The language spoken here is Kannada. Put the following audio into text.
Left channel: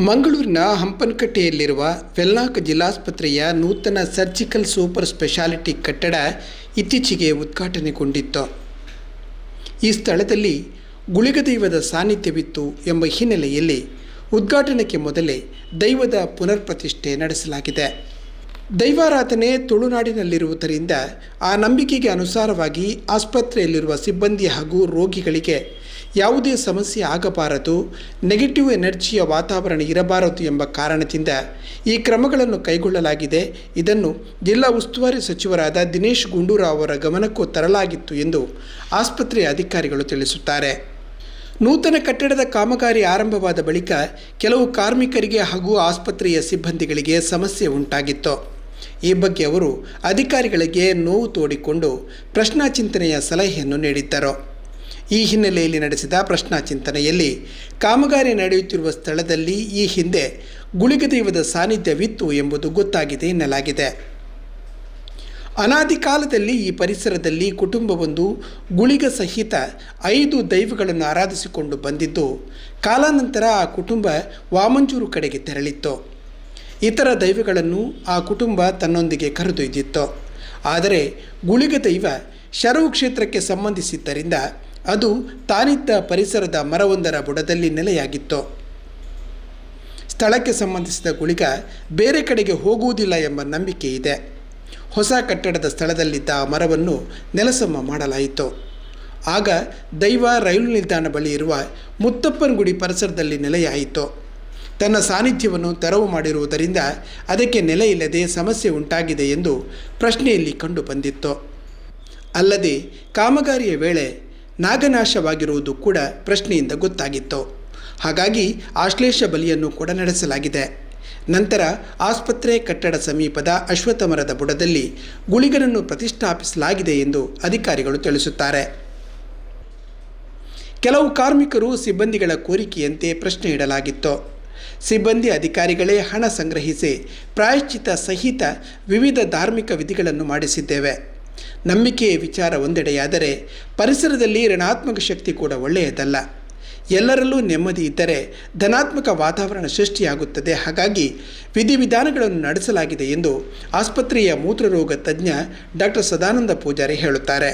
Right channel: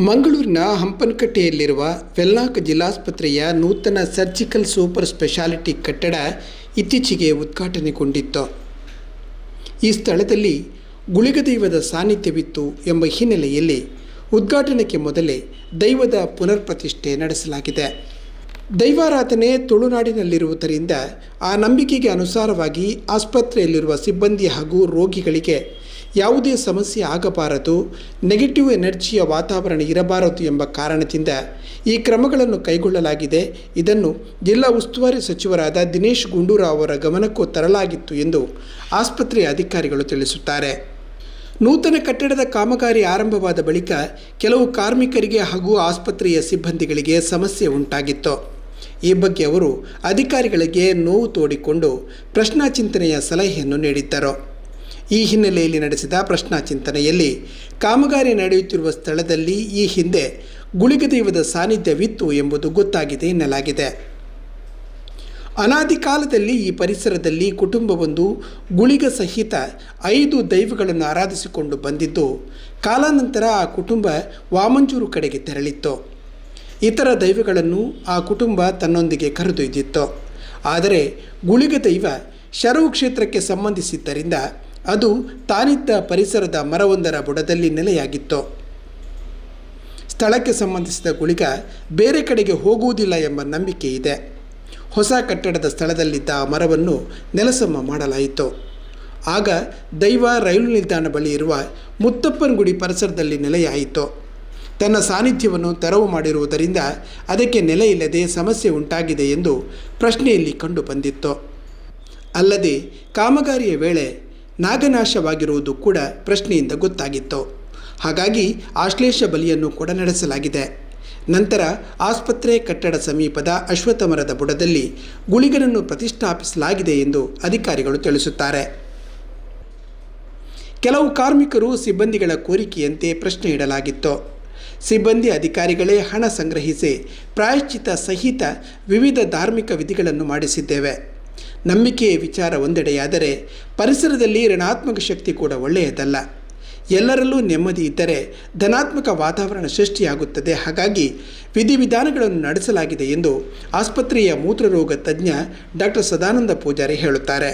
ಮಂಗಳೂರಿನ ಹಂಪನಕಟ್ಟೆಯಲ್ಲಿರುವ ವೆನ್ಲಾಕ್ ಜಿಲ್ಲಾಸ್ಪತ್ರೆಯ ನೂತನ ಸರ್ಜಿಕಲ್ ಸೂಪರ್ ಸ್ಪೆಷಾಲಿಟಿ ಕಟ್ಟಡ ಇತ್ತೀಚೆಗೆ ಉದ್ಘಾಟನೆಗೊಂಡಿತ್ತು. ಈ ಸ್ಥಳದಲ್ಲಿ ಗುಳಿಗ ದೈವದ ಸಾನ್ನಿಧ್ಯವಿತ್ತು ಎಂಬ ಹಿನ್ನೆಲೆಯಲ್ಲಿ ಉದ್ಘಾಟನೆಗೆ ಮೊದಲೇ ದೈವದ ಪುನರ್ಪ್ರತಿಷ್ಠೆ ನಡೆಸಲಾಗಿದೆ. ದೈವಾರಾಧನೆ ತುಳುನಾಡಿನಲ್ಲಿರುವುದರಿಂದ ಆ ನಂಬಿಕೆಗೆ ಅನುಸಾರವಾಗಿ ಆಸ್ಪತ್ರೆಯಲ್ಲಿರುವ ಸಿಬ್ಬಂದಿ ಹಾಗೂ ರೋಗಿಗಳಿಗೆ ಯಾವುದೇ ಸಮಸ್ಯೆ ಆಗಬಾರದು, ನೆಗೆಟಿವ್ ಎನರ್ಜಿಯ ವಾತಾವರಣ ಇರಬಾರದು ಎಂಬ ಕಾರಣದಿಂದ ಈ ಕ್ರಮಗಳನ್ನು ಕೈಗೊಳ್ಳಲಾಗಿದೆ. ಇದನ್ನು ಜಿಲ್ಲಾ ಉಸ್ತುವಾರಿ ಸಚಿವರಾದ ದಿನೇಶ್ ಗುಂಡೂರಾವ್ ಅವರ ಗಮನಕ್ಕೂ ತರಲಾಗಿತ್ತು ಎಂದು ಆಸ್ಪತ್ರೆಯ ಅಧಿಕಾರಿಗಳು ತಿಳಿಸುತ್ತಾರೆ. ನೂತನ ಕಟ್ಟಡದ ಕಾಮಗಾರಿ ಆರಂಭವಾದ ಬಳಿಕ ಕೆಲವು ಕಾರ್ಮಿಕರಿಗೆ ಹಾಗೂ ಆಸ್ಪತ್ರೆಯ ಸಿಬ್ಬಂದಿಗಳಿಗೆ ಸಮಸ್ಯೆ ಉಂಟಾಗಿತ್ತು. ಈ ಬಗ್ಗೆ ಅವರು ಅಧಿಕಾರಿಗಳಿಗೆ ನೋವು ತೋಡಿಕೊಂಡು ಪ್ರಶ್ನಾಚಿಂತನೆಯ ಸಲಹೆಯನ್ನು ನೀಡಿದ್ದರು. ಈ ಹಿನ್ನೆಲೆಯಲ್ಲಿ ನಡೆಸಿದ ಪ್ರಶ್ನಾಚಿಂತನೆಯಲ್ಲಿ ಕಾಮಗಾರಿ ನಡೆಯುತ್ತಿರುವ ಸ್ಥಳದಲ್ಲಿ ಈ ಹಿಂದೆ ಗುಳಿಗ ದೈವದ ಸಾನ್ನಿಧ್ಯವಿತ್ತು ಎಂಬುದು ಗೊತ್ತಾಗಿದೆ ಎನ್ನಲಾಗಿದೆ. ಅನಾದಿ ಕಾಲದಲ್ಲಿ ಈ ಪರಿಸರದಲ್ಲಿ ಕುಟುಂಬವೊಂದು ಗುಳಿಗ ಸಹಿತ 5 ದೈವಗಳನ್ನು ಆರಾಧಿಸಿಕೊಂಡು ಬಂದಿದ್ದು, ಕಾಲಾನಂತರ ಆ ಕುಟುಂಬ ವಾಮಂಜೂರು ಕಡೆಗೆ ತೆರಳಿತ್ತು. ಇತರ ದೈವಗಳನ್ನು ಆ ಕುಟುಂಬ ತನ್ನೊಂದಿಗೆ ಕರೆದೊಯ್ದಿತ್ತು. ಆದರೆ ಗುಳಿಗ ದೈವ ಶರವು ಕ್ಷೇತ್ರಕ್ಕೆ ಸಂಬಂಧಿಸಿದ್ದರಿಂದ ಅದು ತಾನಿದ್ದ ಪರಿಸರದ ಮರವೊಂದರ ಬುಡದಲ್ಲಿ ನೆಲೆಯಾಗಿತ್ತು. ಸ್ಥಳಕ್ಕೆ ಸಂಬಂಧಿಸಿದ ಗುಳಿಗ ಬೇರೆ ಕಡೆಗೆ ಹೋಗುವುದಿಲ್ಲ ಎಂಬ ನಂಬಿಕೆ ಇದೆ. ಹೊಸ ಕಟ್ಟಡದ ಸ್ಥಳದಲ್ಲಿದ್ದ ಆ ಮರವನ್ನು ನೆಲಸಮ ಮಾಡಲಾಯಿತು. ಆಗ ದೈವ ರೈಲು ನಿಲ್ದಾಣ ಬಳಿ ಇರುವ ಮುತ್ತಪ್ಪನ ಗುಡಿ ಪರಿಸರದಲ್ಲಿ ನೆಲೆಯಾಯಿತು. ತನ್ನ ಸಾನ್ನಿಧ್ಯವನ್ನು ತೆರವು ಮಾಡಿರುವುದರಿಂದ ಅದಕ್ಕೆ ನೆಲೆ ಇಲ್ಲದೆ ಸಮಸ್ಯೆ ಉಂಟಾಗಿದೆ ಎಂದು ಪ್ರಶ್ನೆಯಲ್ಲಿ ಕಂಡು ಬಂದಿತ್ತು. ಅಲ್ಲದೆ ಕಾಮಗಾರಿಯ ವೇಳೆ ನಾಗನಾಶವಾಗಿರುವುದು ಕೂಡ ಪ್ರಶ್ನೆಯಿಂದ ಗೊತ್ತಾಗಿತ್ತು. ಹಾಗಾಗಿ ಆಶ್ಲೇಷ ಬಲಿಯನ್ನು ಕೂಡ ನಡೆಸಲಾಗಿದೆ. ನಂತರ ಆಸ್ಪತ್ರೆ ಕಟ್ಟಡ ಸಮೀಪದ ಅಶ್ವತ್ಥ ಮರದ ಬುಡದಲ್ಲಿ ಗುಳಿಗನನ್ನು ಪ್ರತಿಷ್ಠಾಪಿಸಲಾಗಿದೆ ಎಂದು ಅಧಿಕಾರಿಗಳು ತಿಳಿಸುತ್ತಾರೆ. ಕೆಲವು ಕಾರ್ಮಿಕರು ಸಿಬ್ಬಂದಿಗಳ ಕೋರಿಕೆಯಂತೆ ಪ್ರಶ್ನೆ ಇಡಲಾಗಿತ್ತು. ಸಿಬ್ಬಂದಿ ಅಧಿಕಾರಿಗಳೇ ಹಣ ಸಂಗ್ರಹಿಸಿ ಪ್ರಾಯಶ್ಚಿತ್ತ ಸಹಿತ ವಿವಿಧ ಧಾರ್ಮಿಕ ವಿಧಿಗಳನ್ನು ಮಾಡಿಸಿದ್ದೇವೆ. ನಂಬಿಕೆಯ ವಿಚಾರ ಒಂದೆಡೆಯಾದರೆ ಪರಿಸರದಲ್ಲಿ ಋಣಾತ್ಮಕ ಶಕ್ತಿ ಕೂಡ ಒಳ್ಳೆಯದಲ್ಲ. ಎಲ್ಲರಲ್ಲೂ ನೆಮ್ಮದಿ ಇದ್ದರೆ ಧನಾತ್ಮಕ ವಾತಾವರಣ ಸೃಷ್ಟಿಯಾಗುತ್ತದೆ. ಹಾಗಾಗಿ ವಿಧಿವಿಧಾನಗಳನ್ನು ನಡೆಸಲಾಗಿದೆ ಎಂದು ಆಸ್ಪತ್ರೆಯ ಮೂತ್ರರೋಗ ತಜ್ಞ ಡಾಕ್ಟರ್ ಸದಾನಂದ ಪೂಜಾರಿ ಹೇಳುತ್ತಾರೆ.